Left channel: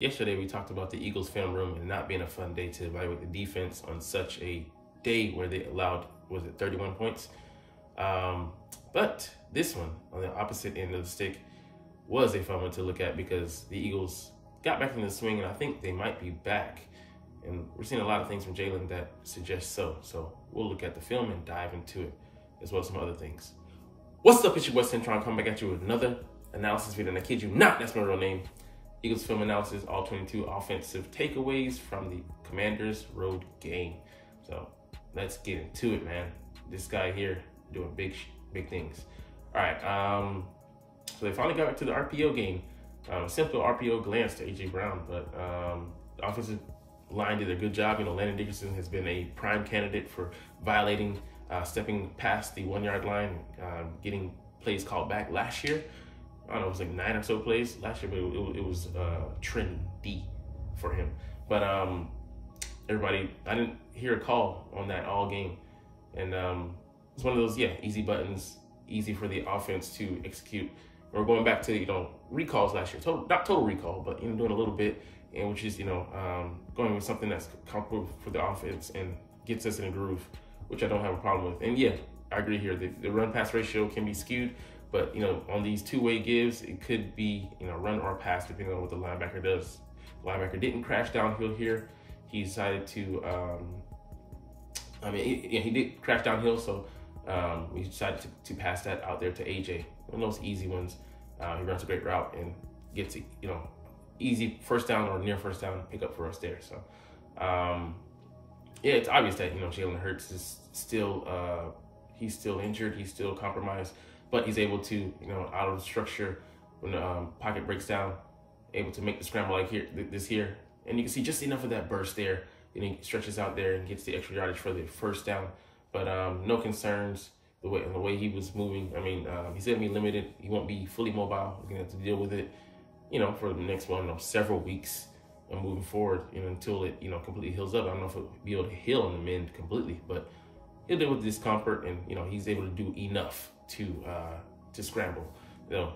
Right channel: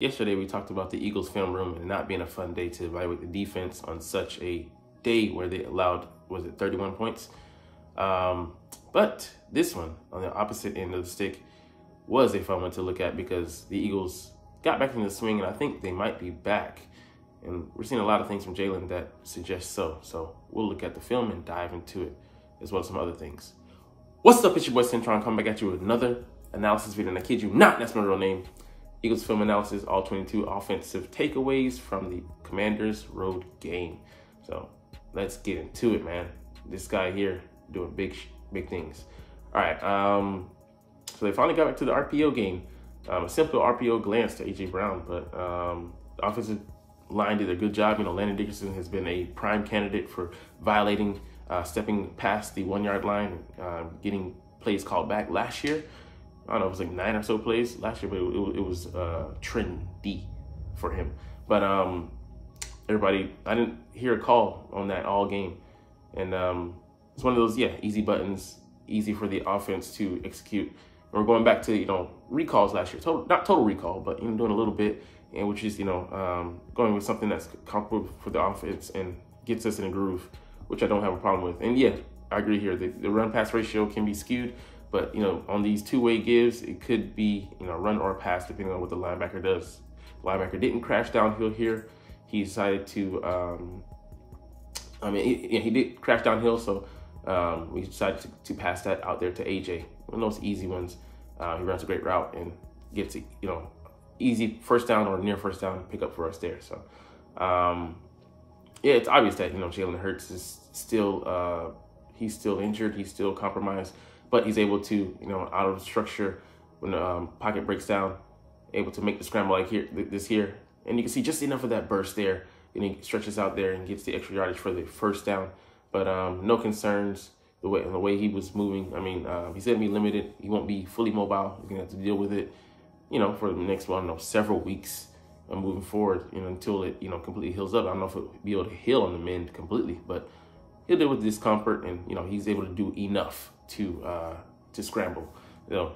Yesterday, we talked about the Eagles film room and not being a fun day to evaluate the defense on such a day where they allowed, was it 31 points? But this one, on the opposite end of the stick, was a fun one to look at because the Eagles got back in the swing, and I think they might be back. And we're seeing a lot of things from Jalen that suggest so. So we'll look at the film and dive into it, as well as some other things. What's up, it's your boy Centron, coming back at you with another analysis video, and I kid you not, that's my real name. Eagles film analysis, all 22 offensive takeaways from the Commanders road game. So let's get into it, man. This guy here doing big things. All right, so they finally got back to the RPO game. A simple RPO glance to A.J. Brown, but the offensive line did a good job. You know, Landon Dickerson has been a prime candidate for violating, stepping past the 1 yard line, getting plays called back last year. I don't know, it was like 9 or so plays last year, but it was trendy for him. But everybody, I didn't hear a call on that all game. And it's one of those, easy buttons, easy for the offense to execute. We're going back to, recalls last year. Not total recall, but doing a little bit, and which is, going with something that's comfortable for the offense and gets us in a groove, which I don't have a problem with. And yeah, I agree here. The run-pass ratio can be skewed. But, on these two-way gives, it could be, run or pass, depending on what the linebacker does. The linebacker didn't crash downhill here. He decided to, he did crash downhill, so we decided to pass that out there to AJ. One of those easy ones. He runs a great route and gets, easy first down or near first down pickup for us there. So, it's obvious that, Jalen Hurts is still, he's still injured. He's still compromised. But he's able to, out of structure, when the pocket breaks down, able to make the scramble like here. And you can see just enough of that burst there. And he stretches out there and gets the extra yardage for the first down. But no concerns the way he was moving. I mean, he's going to be limited. He won't be fully mobile. He's going to have to deal with it, for the next several weeks moving forward, until it, completely heals up. I don't know if it'll be able to heal on the mend completely, but he'll deal with discomfort, and, he's able to do enough to scramble.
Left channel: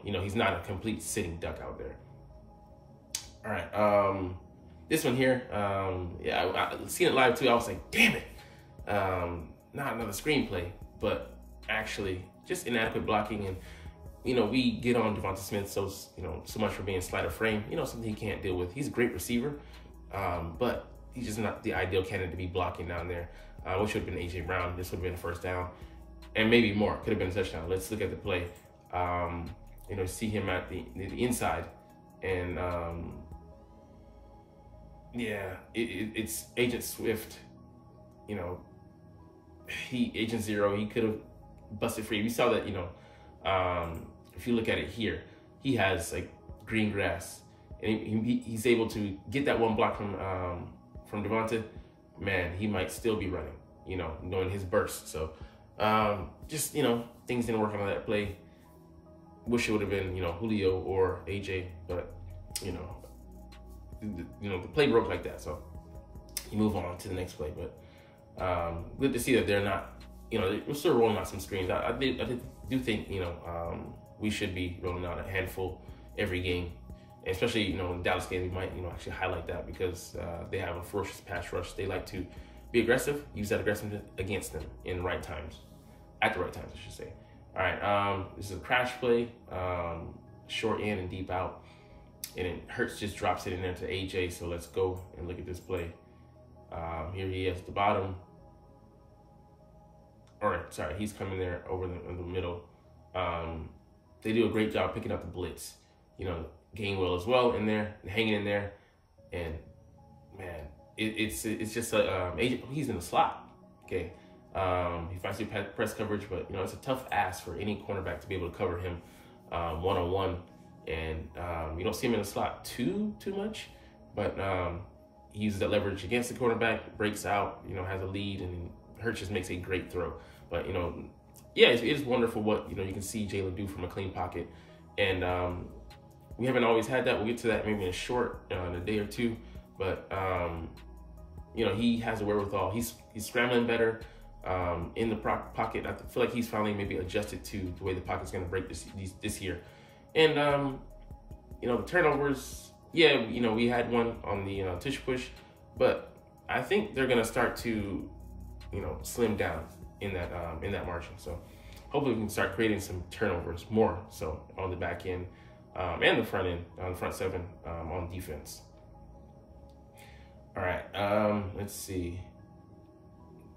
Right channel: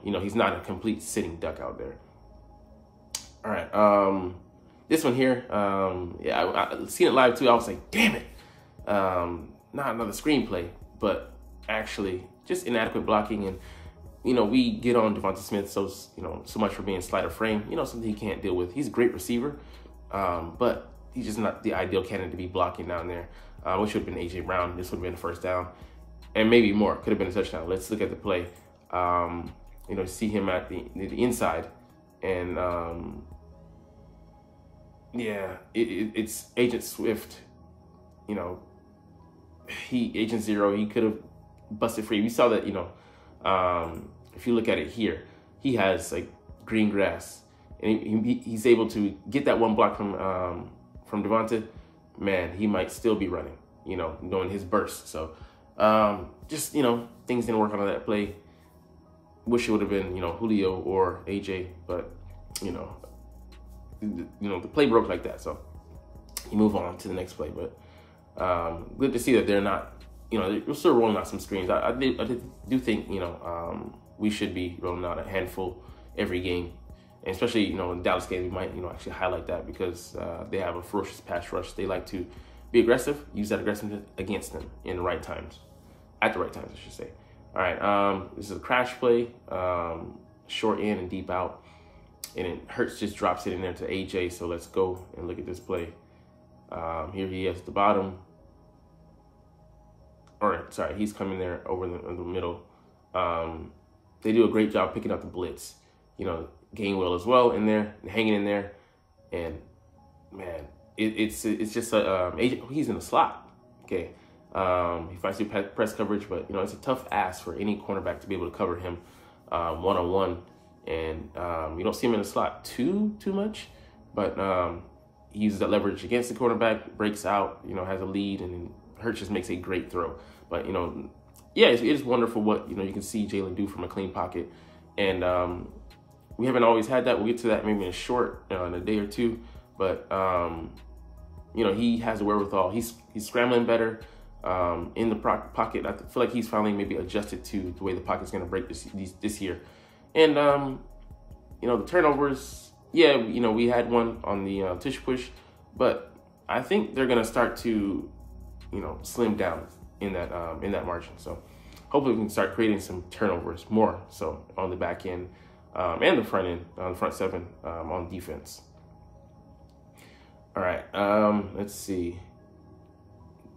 He's not a complete sitting duck out there. All right, this one here, I seen it live too. I was like, damn it, not another screenplay, but actually just inadequate blocking. And we get on Devonta Smith so much for being slight of frame, something he can't deal with. He's a great receiver, but he's just not the ideal candidate to be blocking down there. Which would have been A.J. Brown. This would have been the first down. And maybe more. Could have been a touchdown. Let's look at the play. See him at the inside. And, it's Agent Swift. Agent Zero, he could have busted free. We saw that, if you look at it here, he has, like, green grass. And he's able to get that one block from Devonta. Man, he might still be running, doing his burst. So, just, things didn't work out on that play. Wish it would have been, Julio or AJ, but, the play broke like that. So you move on to the next play, but, good to see that they're not, they're still rolling out some screens. I do think, we should be rolling out a handful every game. And especially, in the Dallas game, we might, actually highlight that because they have a ferocious pass rush. They like to be aggressive, use that aggressiveness against them in the right times. At the right times, I should say. All right, this is a crash play, short in and deep out. And it Hurts just drops it in there to AJ. So let's go and look at this play. Here he is at the bottom. All right, sorry, he's coming there over in the middle. They do a great job picking up the blitz. Gainwell as well in there, hanging in there, and man, it's just a he's in the slot. Okay, he fights your press coverage, but it's a tough ask for any cornerback to be able to cover him one-on-one, and you don't see him in the slot too much, but he uses that leverage against the cornerback, breaks out, has a lead, and Hurts just makes a great throw. But it is wonderful what you can see Jalen do from a clean pocket, and we haven't always had that. We'll get to that maybe in a day or two. But, he has a wherewithal. He's scrambling better in the pocket. I feel like he's finally maybe adjusted to the way the pocket's going to break this year. And, the turnovers, yeah, you know, we had one on the tush push, but I think they're gonna start to, you know, slim down in that margin. So hopefully we can start creating some turnovers more so on the back end and the front end, the front seven on defense. All right, let's see.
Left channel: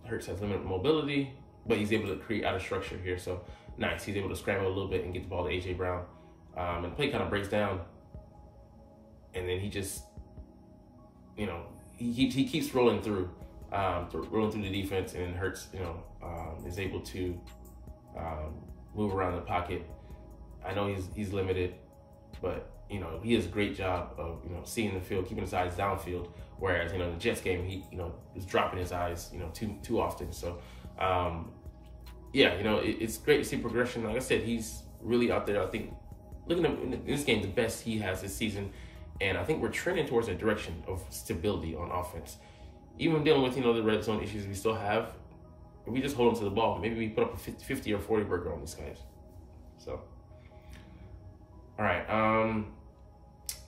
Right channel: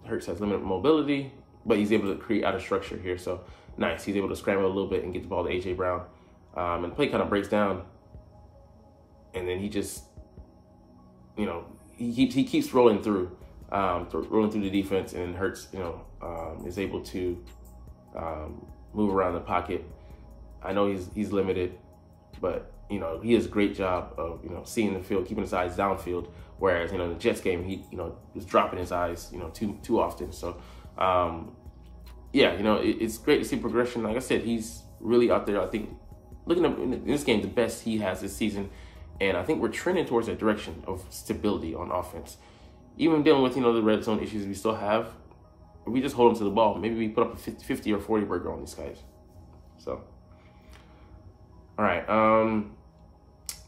Hurts has limited mobility, but he's able to create out of structure here. So nice, he's able to scramble a little bit and get the ball to AJ Brown. And the play kind of breaks down, and then he just, you know, he keeps rolling through the defense, and Hurts, you know, is able to move around the pocket. I know he's limited, but you know, he does a great job of, you know, seeing the field, keeping his eyes downfield. Whereas, you know, in the Jets game, he, you know, was dropping his eyes, you know, too often. So, yeah, you know, it's great to see progression. Like I said, he's really out there. I think looking at in this game, the best he has this season. And I think we're trending towards a direction of stability on offense. Even dealing with, you know, the red zone issues we still have, if we just hold them to the ball, maybe we put up a 50 or 40 burger on these guys. So, all right.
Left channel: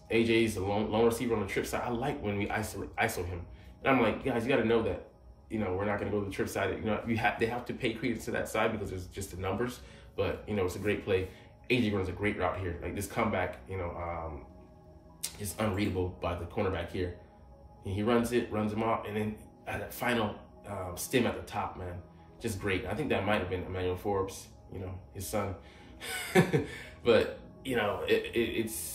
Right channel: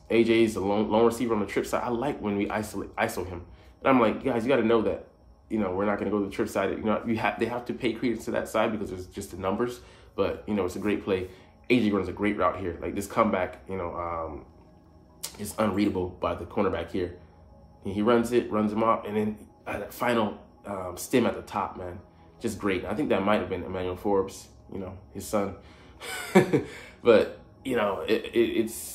AJ's a lone receiver on the trip side. I like when we ISO him. And I'm like, guys, you got to know that, you know, we're not going to go to the trip side. You know, they have to pay credence to that side because it's just the numbers. But, you know, it's a great play. AJ runs a great route here. Like this comeback, you know, is unreadable by the cornerback here. And he runs him off, and then that final stem at the top, man, just great. I think that might have been Emmanuel Forbes, you know, his son. But, you know, it's...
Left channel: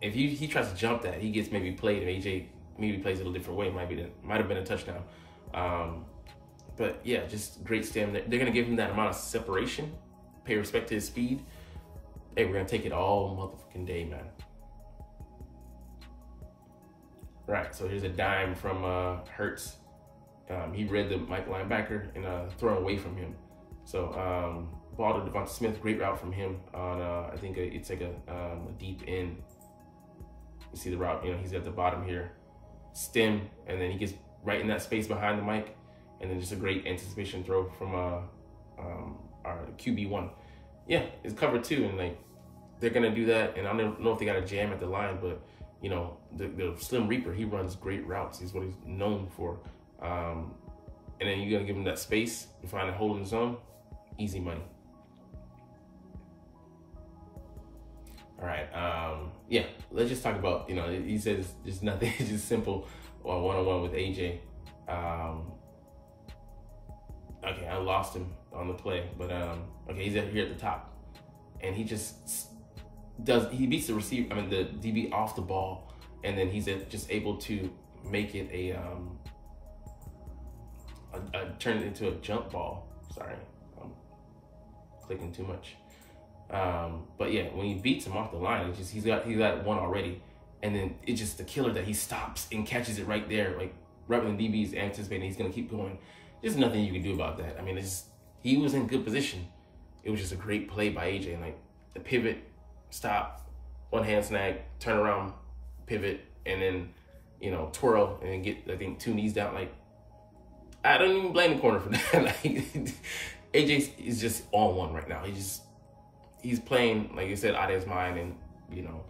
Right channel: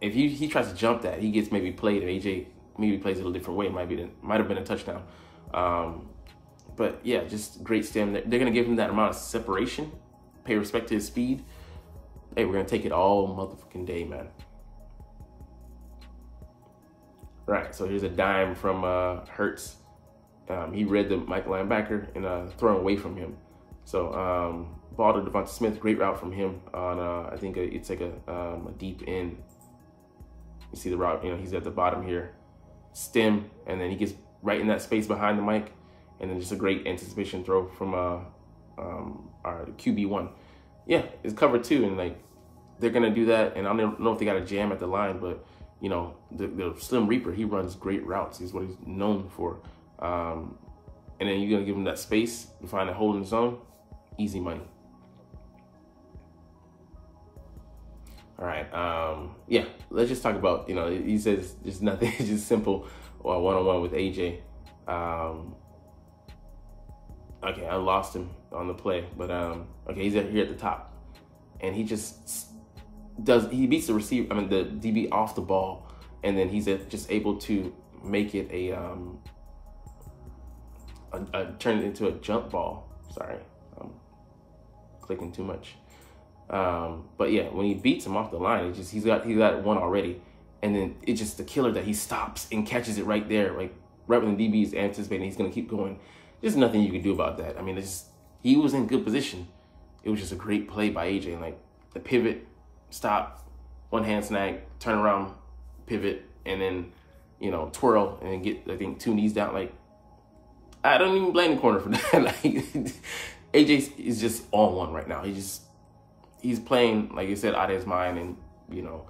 If he tries to jump that, he gets maybe played, and AJ maybe plays it a different way. Might have been a touchdown. But yeah, just great stem. They're gonna give him that amount of separation, pay respect to his speed. Hey, we're gonna take it all motherfucking day, man. All right, so here's a dime from Hurts. He read the Mike linebacker and throwing away from him. So ball to Devonta Smith, great route from him on I think it's like a deep end. You see the route, you know, he's at the bottom here. Stem, and then he gets right in that space behind the mic, and then just a great anticipation throw from our QB1. Yeah, it's cover 2, and like they're gonna do that, and I don't know if they got a jam at the line, but you know, the Slim Reaper, he runs great routes. He's what he's known for. And then you're gonna give him that space to find a hole in the zone, easy money. All right, yeah, let's just talk about, you know, he says just nothing, it's just simple one-on-one with AJ. Okay, I lost him on the play, but okay, he's here at the top, and he just he beats the receiver, the DB off the ball, and then he's just able to make it turn it into a jump ball. Sorry, I'm clicking too much. But yeah, when he beats him off the line, it's just he's got one already, and then it's just the killer that he stops and catches it right there, like right when the DB is anticipating he's gonna keep going. There's nothing you can do about that. I mean, it's just, he was in good position. It was just a great play by AJ, like the pivot, stop, one hand snag, turn around, pivot, and then, you know, twirl and get, I think, 2 knees down. Like, I don't even blame the corner for that. Like, AJ is just on one right now. He's playing, like you said, out of his mind, and, you know,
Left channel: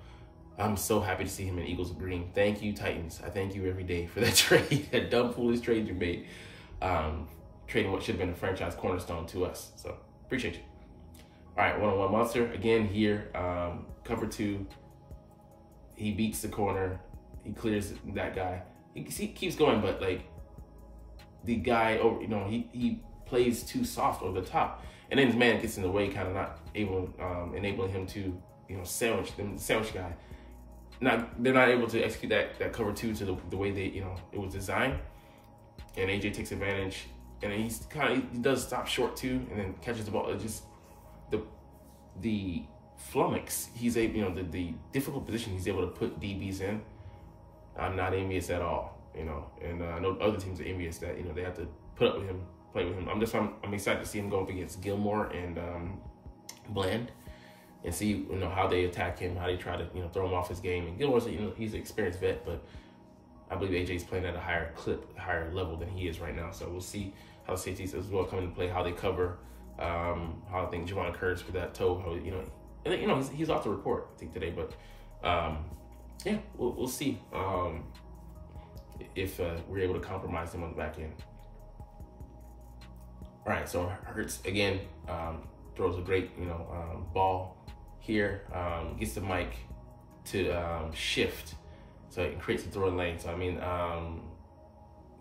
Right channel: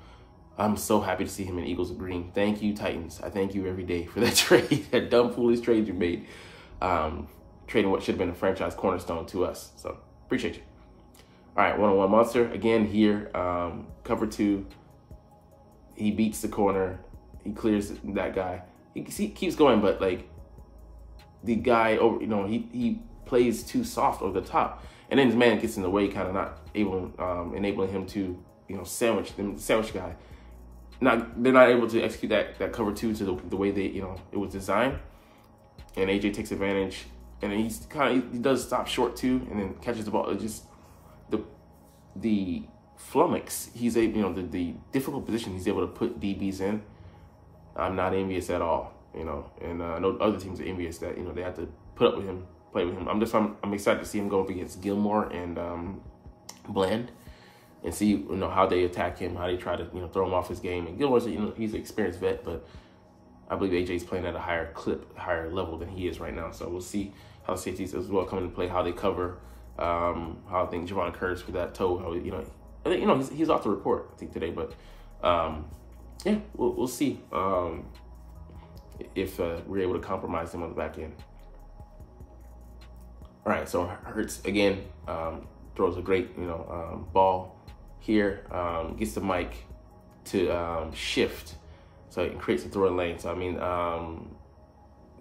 I'm so happy to see him in Eagles green. Thank you, Titans. I thank you every day for that trade, that dumb, foolish trade you made. Trading what should have been a franchise cornerstone to us. So, appreciate you. All right, one-on-one monster. Again here, cover 2. He beats the corner. He clears that guy. He keeps going, but, like, the guy, you know, he plays too soft over the top. And then his man gets in the way, kind of not able, enabling him to, you know, sandwich guy. They're not able to execute that cover 2 to the way they, you know, it was designed. And AJ takes advantage, and he does stop short too, and then catches the ball. It's just the flummox. He's a, you know, the difficult position he's able to put DBs in. I'm not envious at all, you know, and I know other teams are envious that, you know, they have to put up with him, play with him. I'm excited to see him go up against Gilmore and Bland, and see, you know, how they attack him, how they try to, you know, throw him off his game. And Gilmore's, you know, he's an experienced vet, but I believe AJ's playing at a higher clip, higher level than he is right now. So we'll see how safeties as well come into play, how they cover, how I think Javon Curtis with that toe, how, you know, I think, you know, he's off the report, I think, today, but yeah, we'll see if we're able to compromise them on the back end. All right, so Hurts again throws a great ball here, gets the mic to shift, so it creates a throwing lane. So I mean,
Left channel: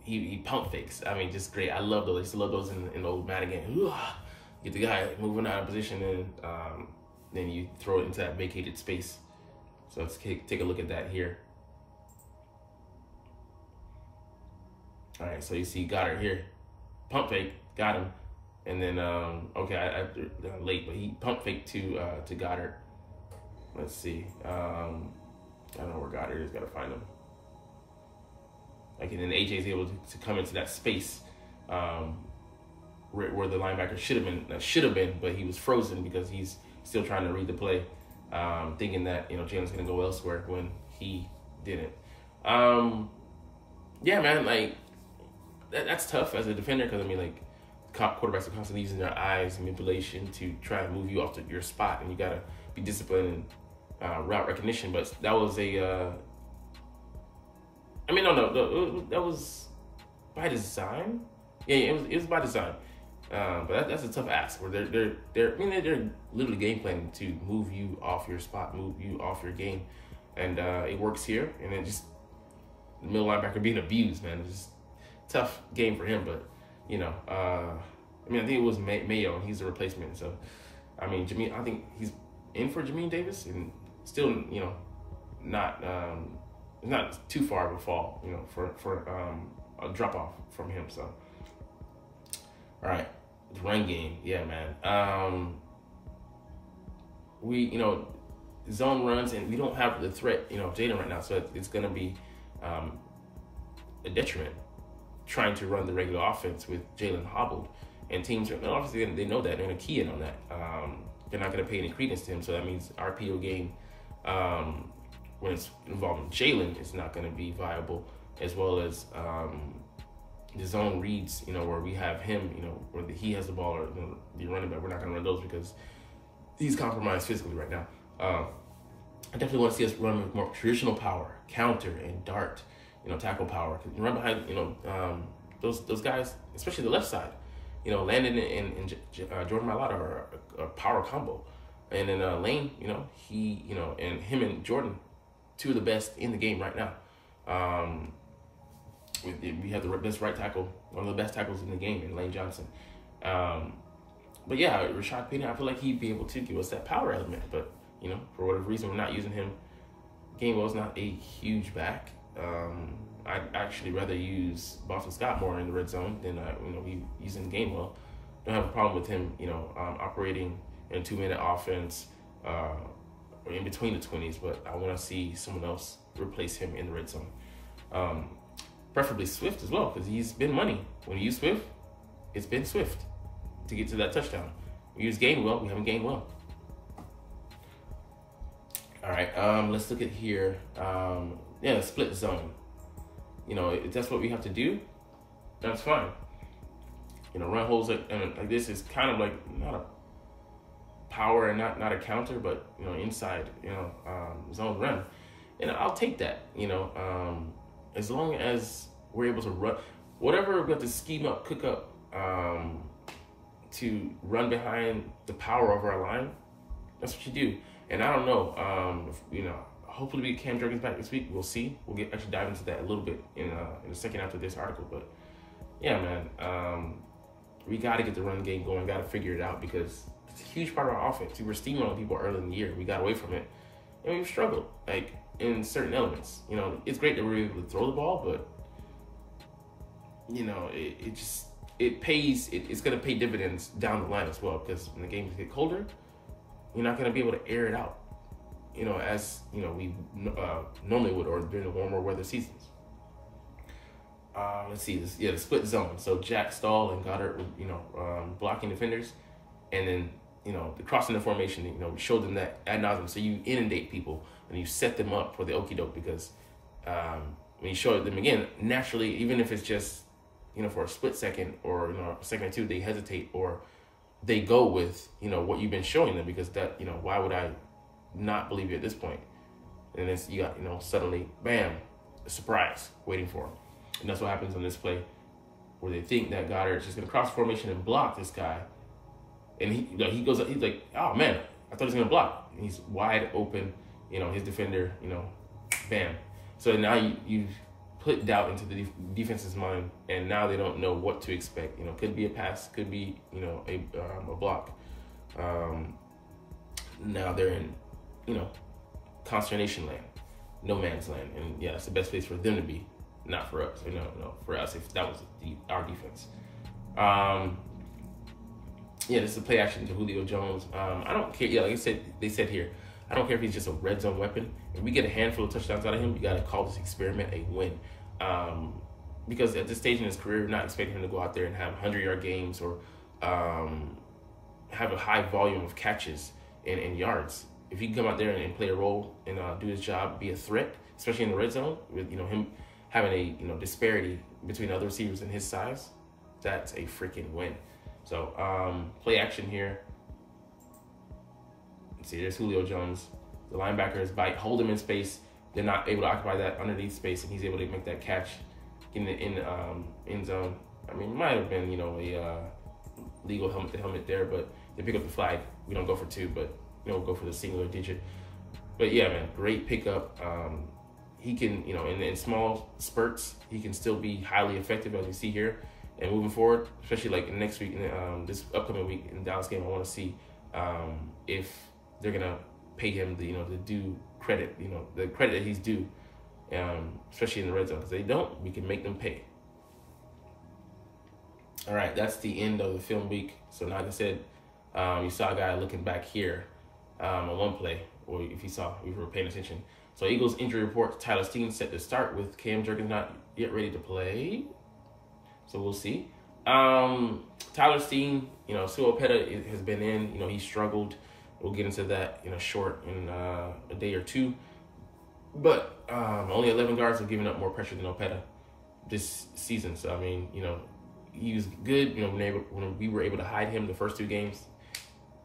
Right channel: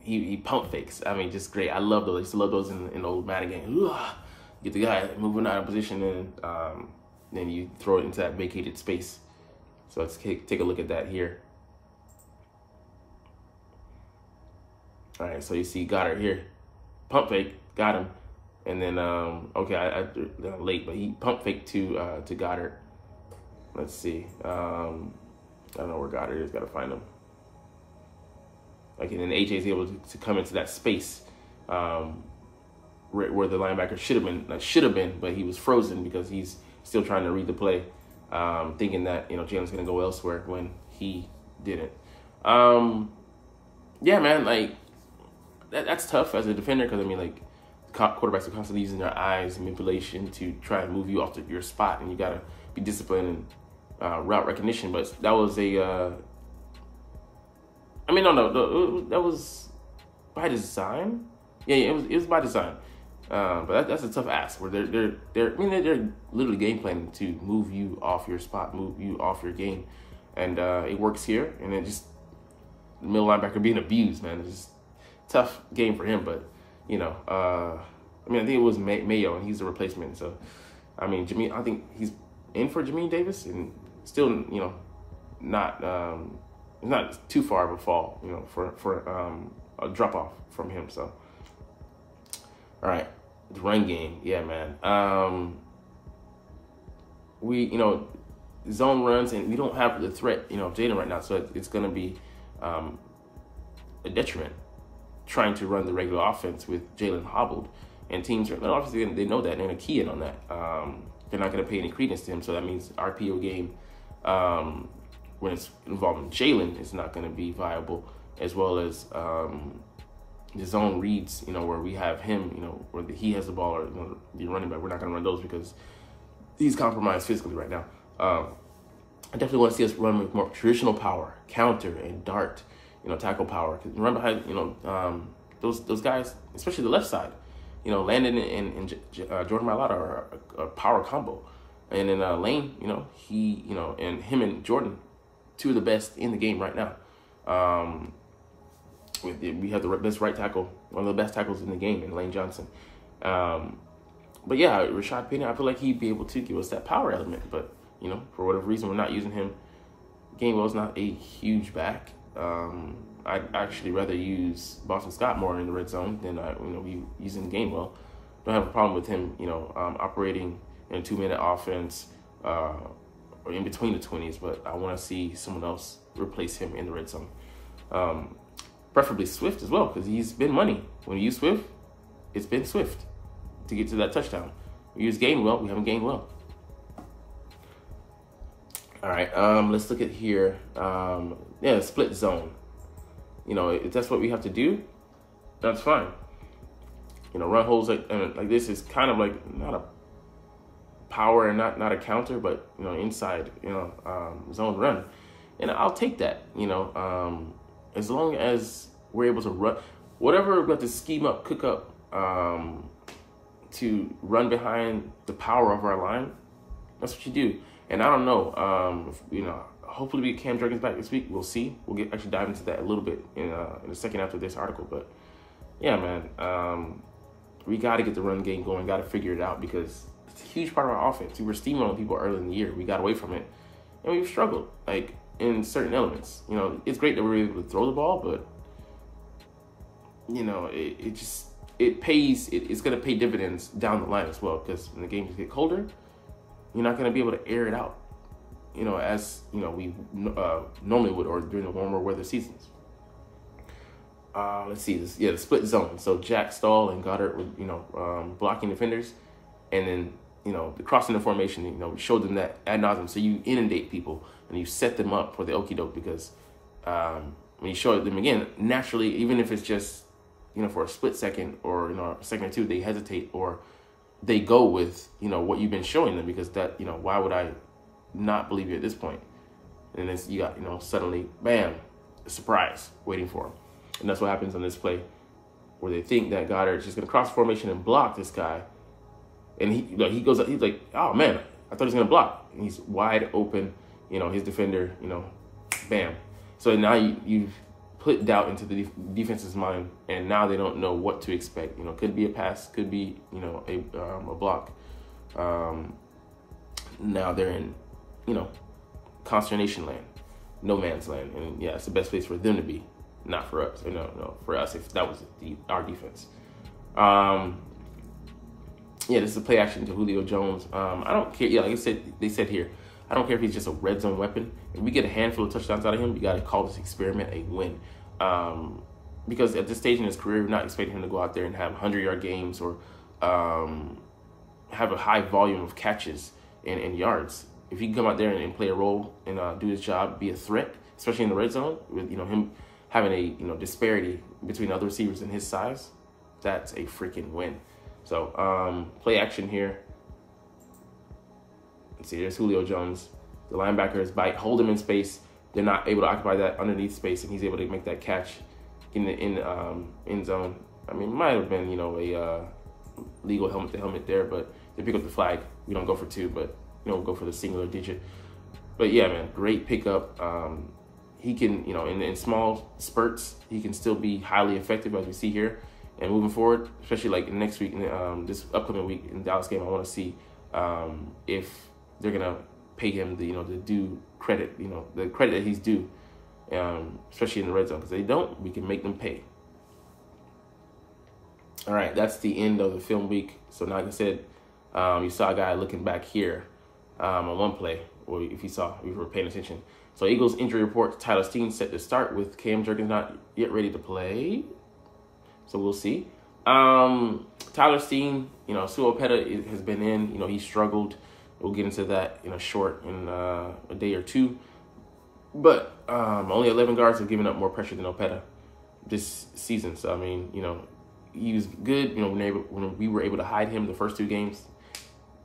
he pump fakes. I mean, just great. I love those. I used to love those in the old Madden game. Get the guy moving out of position, and then you throw it into that vacated space. So let's take a look at that here. All right, so you see Goddard here, pump fake, got him, and then okay, I late, but he pump faked to Goddard. Let's see, I don't know where Goddard is. Got to find him. Okay, then AJ is able to come into that space where the linebacker should have been, but he was frozen because he's still trying to read the play, thinking that Jalen's gonna go elsewhere when he didn't. Yeah, man, like that's tough as a defender because I mean, like quarterbacks are constantly using their eyes and manipulation to try and move you off your spot, and you gotta be disciplined and route recognition. But that was a I mean, no, that was by design. Yeah, it was by design. But that's a tough ask. Where they're literally game planning to move you off your spot, move you off your game, and it works here. And then just the middle linebacker being abused, man. It's just tough game for him. But I mean, I think it was Mayo, and he's a replacement. So I mean, I think he's in for Jamin Davis, and still not too far of a fall, for a drop off from him. So, all right, the run game, yeah, man. We zone runs, and we don't have the threat of Jalen right now, so it's gonna be a detriment trying to run the regular offense with Jalen hobbled, and teams are obviously they know that, and they're gonna key in on that. They're not gonna pay any credence to him, so that means RPO game. When it's involving Jalen, it's not going to be viable, as well as the zone reads, where we have him, where he has the ball, or the running back. We're not going to run those because he's compromised physically right now. I definitely want to see us run with more traditional power, counter and dart, tackle power. Remember how those guys, especially the left side, Landon and Jordan Mailata are a power combo, and then Lane, he, and him and Jordan, two of the best in the game right now. We have the best right tackle, one of the best tackles in the game, in Lane Johnson. But yeah, Rashad Penny, I feel like he'd be able to give us that power element. But for whatever reason, we're not using him. Gainwell's not a huge back. I'd actually rather use Boston Scott more in the red zone than we using Gainwell. Don't have a problem with him, operating in a 2-minute offense. Or in between the 20s, but I want to see someone else replace him in the red zone. Preferably Swift as well, because he's been money. When you use Swift, it's been Swift to get to that touchdown. We use Gainwell, we haven't Gainwell. All right, let's look at here. Yeah, split zone. If that's what we have to do, that's fine. Run holes like this is kind of like not a power and not a counter, but inside zone run, and I'll take that. As long as we're able to run whatever we have to scheme up, cook up to run behind the power of our line. That's what you do. And I don't know. Hopefully we get Cam Jurgens back this week. We'll see. We'll actually dive into that a little bit in the second after this article. But yeah, man, we got to get the run game going. Got to figure it out because it's a huge part of our offense. We were steamrolling people early in the year. We got away from it, and we've struggled in certain elements. It's great that we're able to throw the ball, but it pays. It's going to pay dividends down the line as well, because when the games get colder, you're not going to be able to air it out, as we normally would, or during the warmer weather seasons. Let's see, the split zone. So Jack Stahl and Goddard, blocking defenders, and then the crossing the formation. We showed them that ad nauseum. So you inundate people and you set them up for the okie doke, because when you show them again, naturally, even if it's just for a split second or a second or two, they hesitate or they go with what you've been showing them, because that why would I not believe you at this point? And then you got, you know, suddenly, bam, a surprise waiting for him. And that's what happens on this play, where they think that Goddard's just going to cross formation and block this guy. And he, you know, he goes, he's like, oh man, I thought he was going to block. And he's wide open, you know, his defender, you know, bam. So now you've put doubt into the defense's mind, and now they don't know what to expect. You know, could be a pass, could be, you know, a block. Now they're in, you know, consternation land, no man's land. And yeah, it's the best place for them to be, not for us. Or no, for us, if that was our defense. Yeah, this is a play action to Julio Jones. I don't care. Yeah, like I said, they said here, I don't care if he's just a red zone weapon. If we get a handful of touchdowns out of him, we got to call this experiment a win. Because at this stage in his career, we're not expecting him to go out there and have 100-yard games or have a high volume of catches and yards. If he can come out there and play a role and do his job, be a threat, especially in the red zone, with, you know, him having a, you know, disparity between other receivers in his size, that's a freaking win. So play action here. Let's see, there's Julio Jones. The linebackers bite, hold him in space. They're not able to occupy that underneath space, and he's able to make that catch in the end zone. I mean, it might have been, you know, a legal helmet to helmet there, but they pick up the flag. We don't go for two, but, you know, we'll go for the singular digit. But yeah, man, great pickup. He can, you know, in small spurts, he can still be highly effective, as we see here. And moving forward, especially like next week, this upcoming week in the Dallas game, I want to see if they're gonna pay him the, you know, the due credit, you know, the credit that he's due, especially in the red zone. Because they don't, we can make them pay. All right, that's the end of the film week. So now, like I said, you saw a guy looking back here on one play, or if you were paying attention. So Eagles injury report: Tyler Steen set to start with Cam Jurgens not yet ready to play. So we'll see. Tyler Steen, you know, Sua Opeta has been in. You know, he struggled. We'll get into that in a day or two. But only 11 guards have given up more pressure than Opeta this season. So, I mean, you know, he was good. You know, when we were able to hide him the first two games,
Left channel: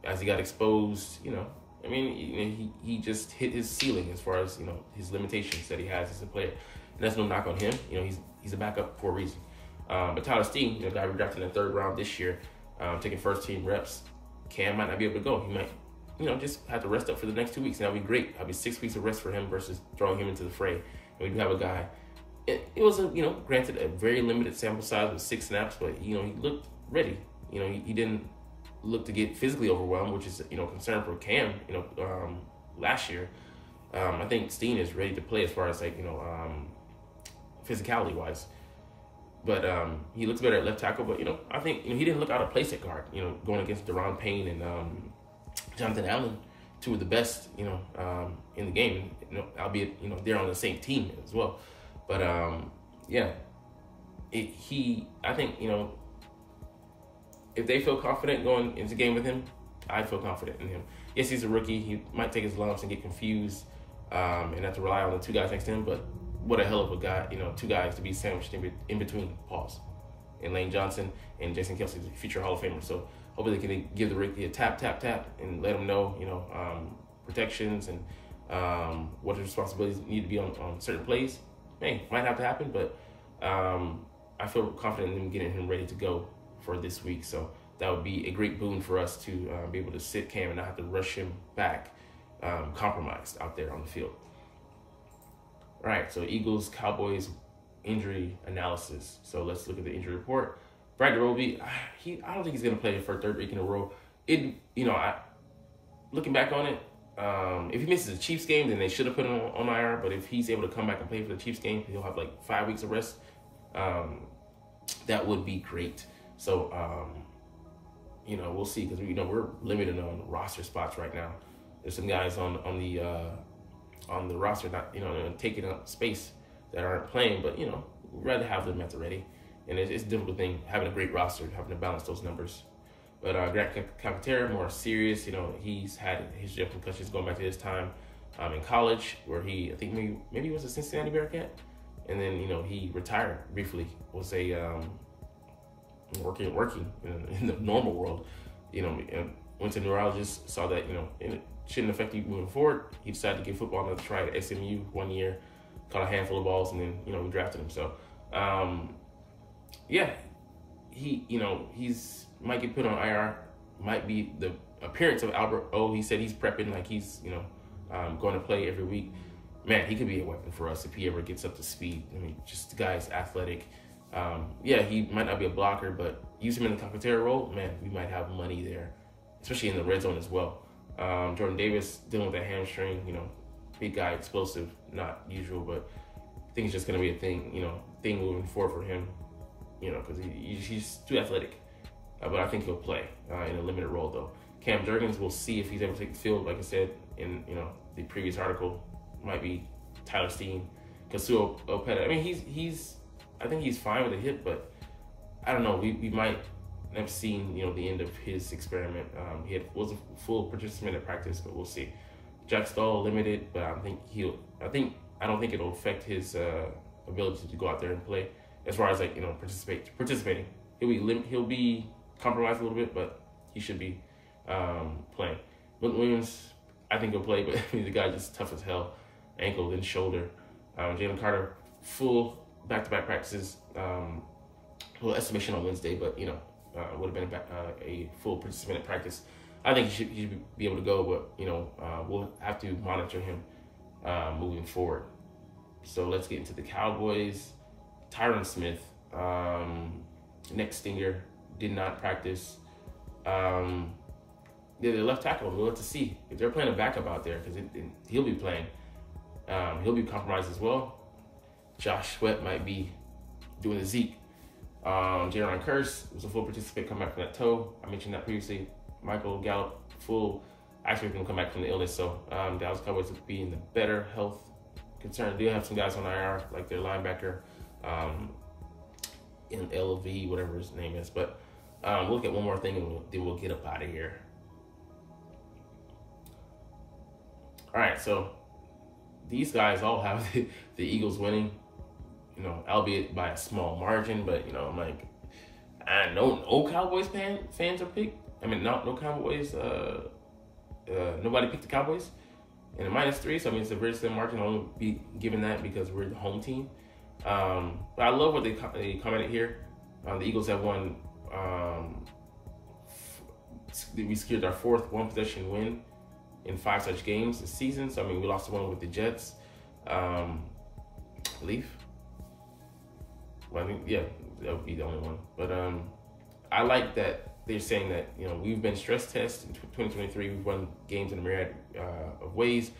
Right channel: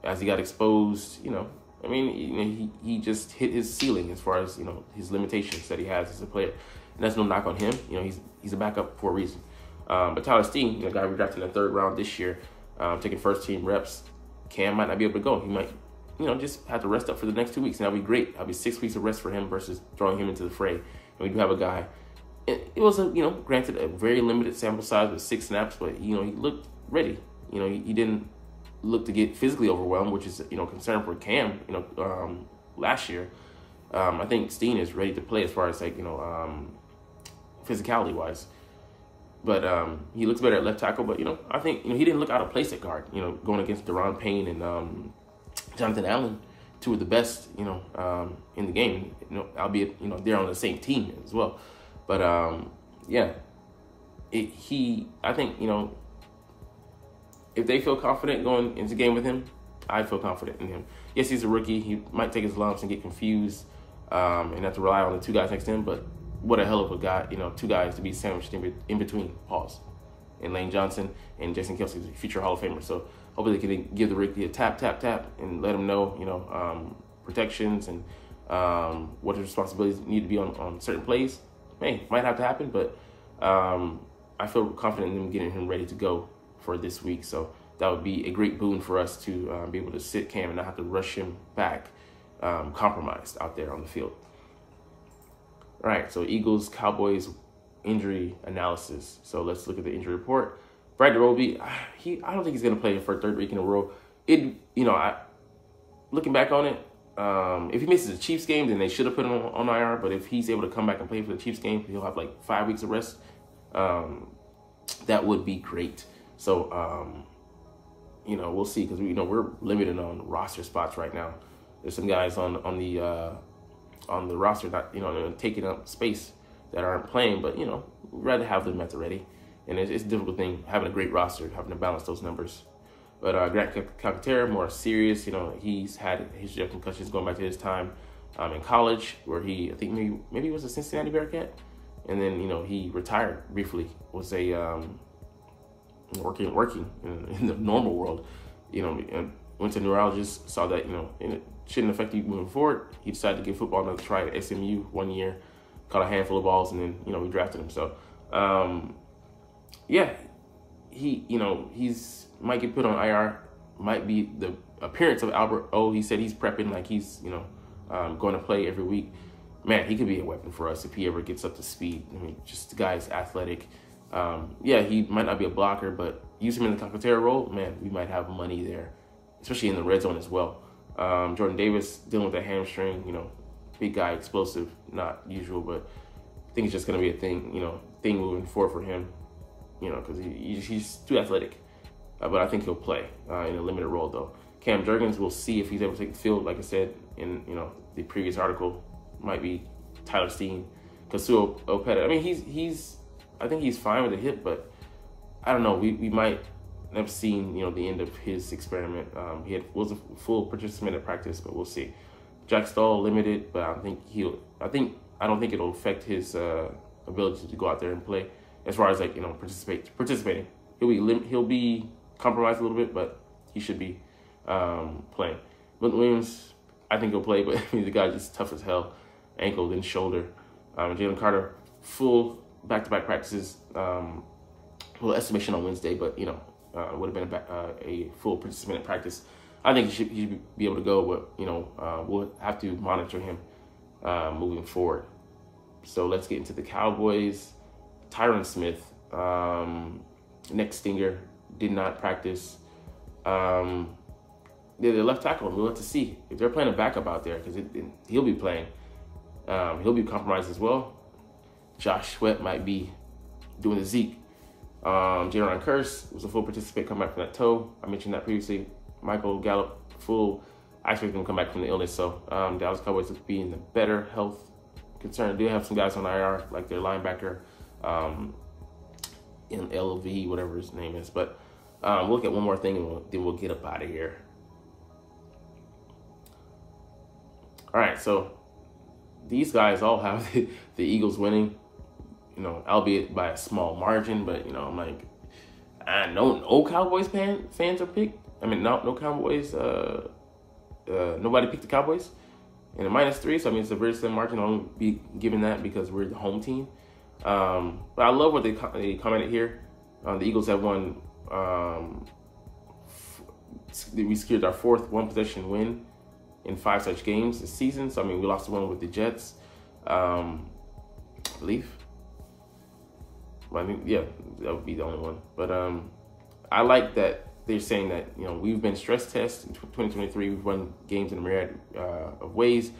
as he got exposed, you know, I mean, you know, he just hit his ceiling as far as, you know, his limitations that he has as a player. And that's no knock on him. You know, he's a backup for a reason. But Tyler Steen, you know, guy we drafted in the 3rd round this year, taking first team reps. Cam might not be able to go. He might, you know, just have to rest up for the next 2 weeks. And that'll be great. That'll be 6 weeks of rest for him versus throwing him into the fray. And we do have a guy. It was, you know, granted a very limited sample size with 6 snaps, but, you know, he looked ready. You know, he didn't look to get physically overwhelmed, which is, you know, concern for Cam, you know, last year. I think Steen is ready to play as far as, like, you know, physicality-wise. But he looks better at left tackle. But, you know, I think, you know, he didn't look out of place at guard, you know, going against Deron Payne and Jonathan Allen, 2 of the best, you know, in the game, you know, albeit, you know, they're on the same team as well. But, yeah, I think, you know, if they feel confident going into the game with him, I feel confident in him. Yes, he's a rookie. He might take his lumps and get confused and have to rely on the 2 guys next to him. But what a hell of a guy, you know, 2 guys to be sandwiched in between, pause, and Lane Johnson and Jason Kelce, future Hall of Famer. So hopefully they can give the rookie a tap, and let him know, you know, protections and what his responsibilities need to be on certain plays. Hey, might have to happen, but I feel confident in getting him ready to go for this week. So that would be a great boon for us to be able to sit Cam and not have to rush him back compromised out there on the field. All right, so Eagles, Cowboys injury analysis. So let's look at the injury report. Brad DeRoby, I don't think he's going to play for a 3rd week in a row. You know, looking back on it, if he misses the Chiefs game, then they should have put him on IR. But if he's able to come back and play for the Chiefs game, he'll have like 5 weeks of rest. That would be great. So, you know, we'll see, because you know we're limited on roster spots right now. There's some guys on the roster not, you know, taking up space that aren't playing, but you know, we'd rather have them at the ready. And it's a difficult thing having a great roster, having to balance those numbers. But Grant Calcaterra, more serious. You know, he's had his concussions going back to his time in college, where I think maybe he was a Cincinnati Bearcat, and then, you know, he retired briefly. Was a working in the normal world, you know, went to a neurologist, saw that, you know, and it shouldn't affect you moving forward. He decided to give football another try at SMU 1 year, caught a handful of balls, and then, you know, we drafted him. So, yeah, he, you know, might get put on IR, might be the appearance of Albert O. He said he's prepping, like he's, you know, going to play every week. Man, he could be a weapon for us if he ever gets up to speed. I mean, just the guy is athletic. Yeah, he might not be a blocker, but use him in the Takatera role, man, we might have money there, especially in the red zone as well. Jordan Davis dealing with that hamstring, you know, big guy, explosive, not usual, but I think it's just going to be a thing, you know, moving forward for him, you know, because he's too athletic. But I think he'll play in a limited role, though. Cam Jurgens, we'll see if he's able to take the field. Like I said in, you know, the previous article, might be Tyler Steen, Kasu Opeta. I mean, I think he's fine with a hit, but I don't know. We might have seen, you know, the end of his experiment. He was a full participant at practice, but we'll see. Jack Stahl limited, but I don't think it'll affect his ability to go out there and play. As far as, like, you know, participating, he'll be compromised a little bit, but he should be playing. But Williams, I think he'll play, but the guy's just tough as hell, ankle then shoulder. Jalen Carter, full back-to-back practices. Little estimation on Wednesday, but, you know, would have been a full participant at practice. I think he should be able to go, but, you know, we'll have to monitor him moving forward. So let's get into the Cowboys. Tyron Smith, neck stinger, did not practice. They're left tackle. We'll have to see if they're playing a backup out there, because he'll be playing. He'll be compromised as well. Josh Sweat might be doing the Zeke. Jaron Kearse was a full participant, come back from that toe. I mentioned that previously. Michael Gallup, full. I expect him to come back from the illness. So Dallas Cowboys will be in the better health concern. They have some guys on IR, like their linebacker, in LV, whatever his name is. But we'll look at one more thing, and then we'll get up out of here. All right, so these guys all have the Eagles winning, you know, albeit by a small margin. But, you know, I'm like, no Cowboys fans are picked. I mean, no Cowboys. Nobody picked the Cowboys, and a -3. So I mean, it's a very slim margin. I'll only be given that because we're the home team. But I love what they commented here. The Eagles have won. We secured our 4th one-possession win in 5 such games this season. So I mean, we lost the one with the Jets. I believe. Well, I mean, yeah, that would be the only one. But I like that they're saying that, you know, we've been stress tested in 2023. We've won games in a myriad of ways.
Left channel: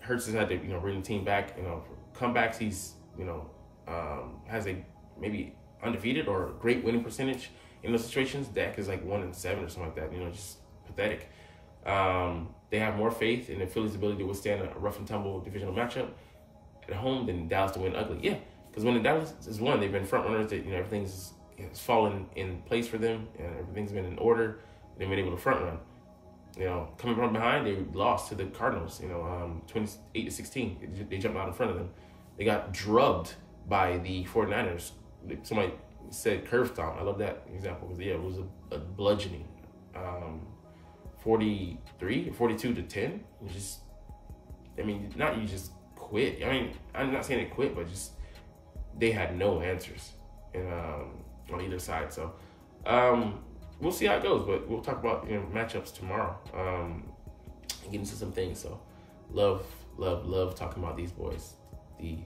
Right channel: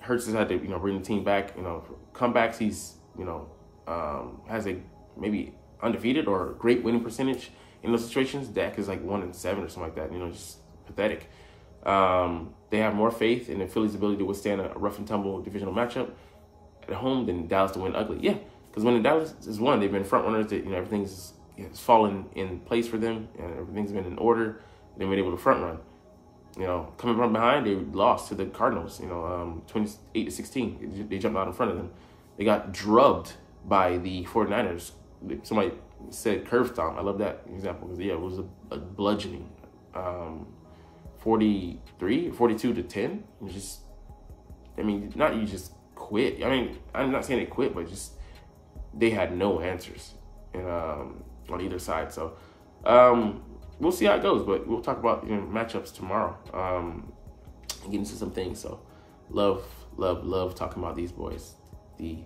Hurts has had to, you know, bring the team back. You know, comebacks. He's, you know, has a maybe undefeated or great winning percentage in those situations. Dak is like 1-7 or something like that. You know, just pathetic. They have more faith in the Phillies' ability to withstand a rough and tumble divisional matchup at home than Dallas to win ugly. Yeah, because when Dallas has won, they've been front runners. You know, everything's fallen in place for them, and everything's been in order. They've been able to front run. You know, coming from behind, they lost to the Cardinals. You know, 28-16. They jumped out in front of them. They got drubbed by the 49ers. Somebody said curve stomp. I love that example because, yeah, it was a bludgeoning. 42-10. It was just, I mean, not you just quit. I mean, I'm not saying they quit, but just they had no answers on either side. So we'll see how it goes, but we'll talk about, you know, matchups tomorrow and get into some things. So love talking about these boys, the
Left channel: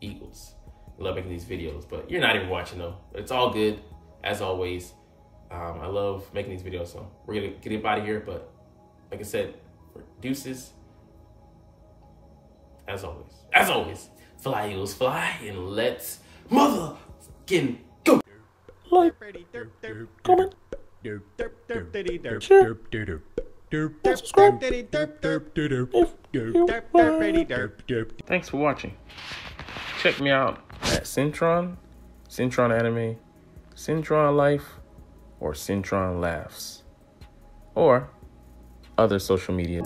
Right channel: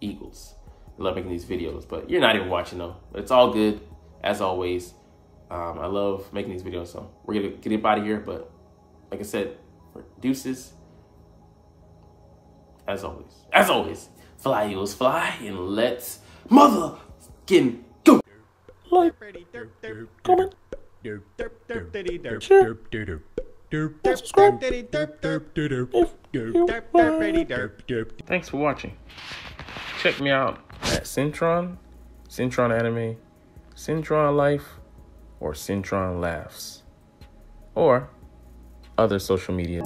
Eagles. I love making these videos, but you're not even watching though. It's all good, as always. I love making these videos, so we're gonna get up out of here. But like I said, for deuces, as always, fly Eagles fly, and let's motherfucking go. Like, comment, share, subscribe. Thanks for watching. Check me out at Centron Anime, Centron Life, or Centron Laughs, or other social media.